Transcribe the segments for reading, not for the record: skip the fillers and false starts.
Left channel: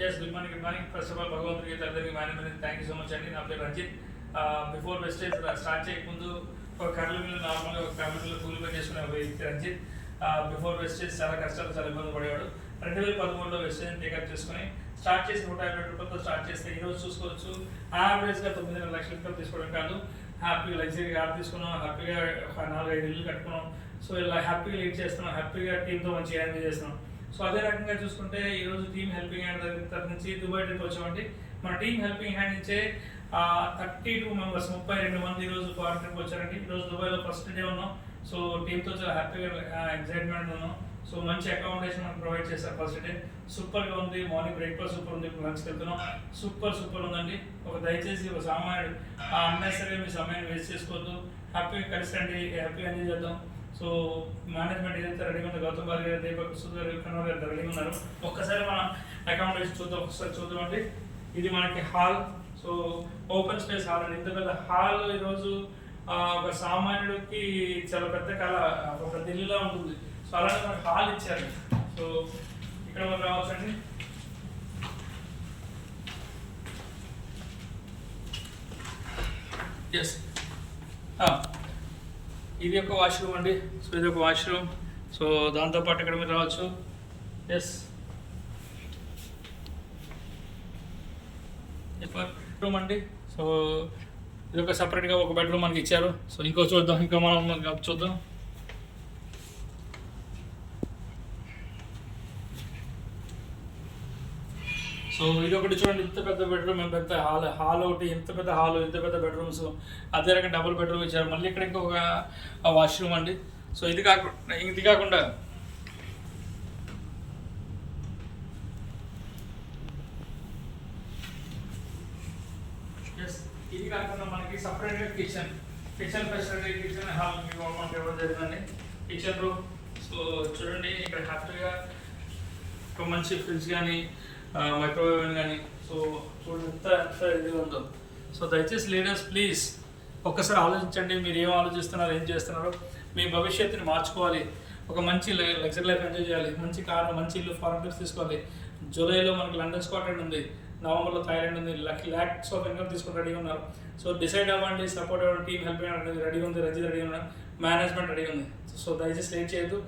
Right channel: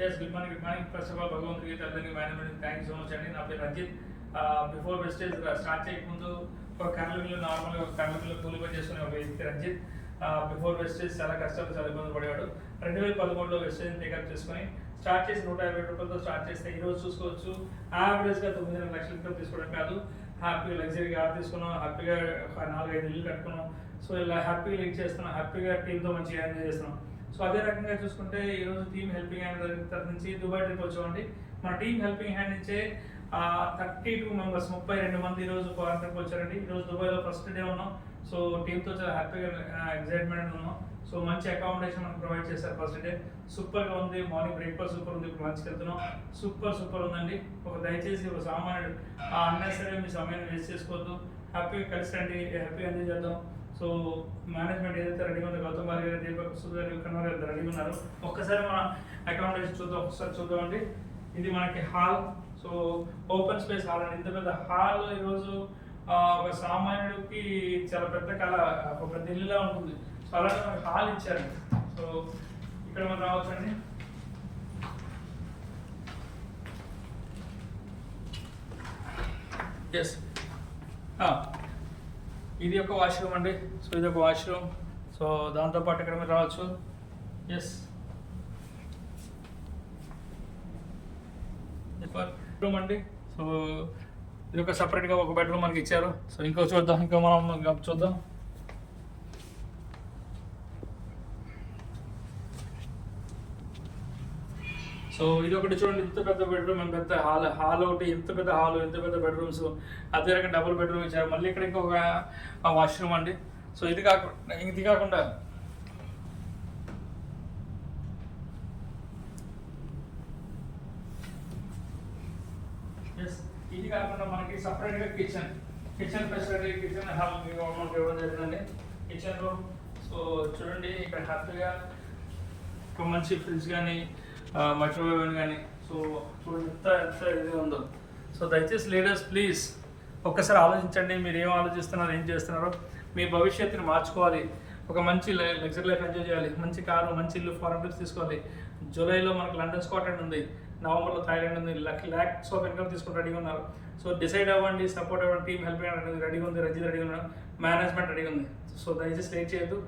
Yes, good morning, good morning. First of all, Bhagwan Gita Management, thank you so much. And now, Ranjit, before Vestage start check ముందు ఒక కర్ల mill నార్మల్గా ఒక కర్ల mill కూలి పని చేసుకునే ఒక వ్యక్తి రంజిత్ బిఫోర్ వెస్టేజ్ చాలా కష్టాలు చాలా ఇబ్బంది పడేవాడు. 2013లో వెస్టేజ్ టేకప్ చేసుకొని స్టార్ట్ చేసి 150 రూపాయలతో స్టార్ట్ చేస్తే ఈరోజు చూసుకోవచ్చు యావరేజ్గా 9.5 లక్షల ఇన్కమ్ తీసుకోవడం కాదు, హ్యాపీగా లగ్జరీ కార్ తీసుకున్నాం, హ్యాపీగా ఒక 4-5 ఇల్లు కట్టుకున్నాం. సో ఇలా హ్యాపీగా లీడ్ చేస్తున్నాం, హ్యాపీగా టీంతో మంచిగా ఎంజాయ్ చేస్తున్నాం. సో అదే రకంగా చూసుకుంటే ఈరోజు టీమ్ హెల్పింగ్ హ్యాండ్ తరఫు నుంచి దుబాయ్ ట్రిప్ వచ్చామండి. మన టీమ్ హెల్పింగ్ హ్యాండ్ నుంచే 32 మెంబర్స్ 32 మంది ఈరోజు ఫారెన్ ట్రిప్ వచ్చారండి. ఈరోజు దుబాయ్లో ఫస్ట్ డే ఉన్నాం. సో టీంతో చాలా హ్యాపీగా ఎగ్జైట్మెంట్ ఉన్నాం. సో మంచి అకామిడేషన్ మనకు ప్రొవైడ్ చేశారు. ఫస్ట్ డే సూపర్గా ఉంది, మార్నింగ్ బ్రేక్ఫాస్ట్ సూపర్ ఉంది, ఇప్పుడు లంచ్కి వెళ్తున్నాం, సూపర్ ఉందండి. దయచేసి ఒక సామాన్యుడు అన్నెసరీగా మీ సమయాన్ని వేస్ట్ చేసుకోవద్దు, హ్యాపీగా కలిసి రండి, హ్యాపీగా ఎంజాయ్ చేద్దాం. సో మేనేజ్మెంట్ ఏదైతే రెడీగా ఉందో గౌతమ్ బాలి గారు, దీపక్ సుధీర్ కన్నర్ గారు రెడీగా ఉన్నారు. ఒక్కసారి మన అకామిడేషన్ చూద్దామండి. ఇది మనకి hall. So open space hall అండి. ఇంత పెద్ద హాల్ ఈరోజు ఒక సామాన్యుడికి చాలా పెద్ద కళ, ఒక పెద్ద ఇల్లులా ఉంటుంది. సో అలానే మనకి హాల్ ఇచ్చారు. సో ఇక్కడ మనం రావచ్చండి. ఎస్, ఇది ఒక వాష్రూమ్ అండి. సో ఇది ఒక వాష్రూమ్. సో దాంతోపాటు ఇక్కడ మీరు రావచ్చు. ఎస్, బెడ్రూమ్ అండి. సో ఇది ఒక సపరేట్గా ఒక బెడ్రూమ్ మనకి ఇచ్చారు. సో ఇంకో చూద్దాం, ఇంకో మనం చూద్దాం. సో ఇది ఒకటి చూడండి, ఇంత పెద్ద బెడ్రూమ్, పెద్ద హాల్ ఒకటి, ఇంత పెద్ద హాల్, ఇంత పెద్ద బెడ్రూమ్స్, అదే రకంగా డబుల్ బెడ్రూమ్ ఇచ్చారు. మళ్ళీ ఇక్కడ ఇంకొక వాష్రూమ్ అండి. సో ఇది కాకుండా ఇది కాకుండా మనకి సపరేట్గా కిచెన్ ఫెసిలిటీ, కిచెన్ హాల్ మనకి ఇవ్వడం జరిగిందండి. Kitchen room. సో చూడండి ఇక్కడ హ్యాపీగా ఒక మంచి ఫ్రిడ్జ్ కానీ మైక్రోవేవ్ కానీ. సో చూడండి ఎంత ఇదిగా ఉందో. సో దయచేసి లీడర్స్ ప్లీజ్ ఒక్కసారి ఆలోచించండి, మీరు ఏం ఆలోచిస్తున్నారు, ఏం చేస్తున్నారో. మీ భవిష్యత్తుని మార్చుకోవాలి, ఒక మంచి లగ్జరీ లైఫ్ ఎంజాయ్ చేయాలి, మంచి కారు, మంచి ఇల్లు, ఫారెన్ ట్రిప్స్ తీసుకోవాలి. జూలైలో మనకి లండన్ స్కాట్లాండ్ ఉంది, నవంబర్లో థాయిలాండ్ ఉంది. ల్యాక్స్ ఆఫ్ ఇన్కమ్ తీసుకుని రెడీగా ఉన్నారు. సో డిసైడ్ అవ్వండి, సపోర్ట్ అవ్వండి. టీమ్ హెల్ప్ అనేది రెడీగా ఉంది, రంజిత్ రెడీగా ఉన్నారు, మేనేజ్మెంట్ రెడీగా ఉంది. సో దయచేసి లేట్ చేయొద్దు.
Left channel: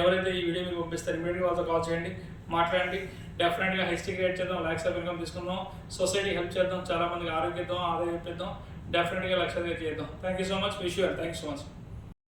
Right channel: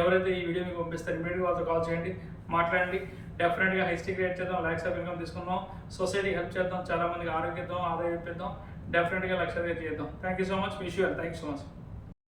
ఎవరైతే ఈ వీడియో మీకు పంపిస్తారు ఇమీడియట్గా వాళ్ళతో కాల్ చేయండి, మాట్లాడండి. డెఫినెట్గా హైస్టిక్ క్రియేట్ చేద్దాం, ల్యాక్స్ ఆఫ్ ఇన్కమ్ తీసుకుందాం, సొసైటీకి హెల్ప్ చేద్దాం, చాలా మందికి ఆరోగ్యం ఆదాయం ఇప్పిద్దాం, డెఫినెట్గా లక్ష చేద్దాం. Thank you so much, wish you all. Thank you so much.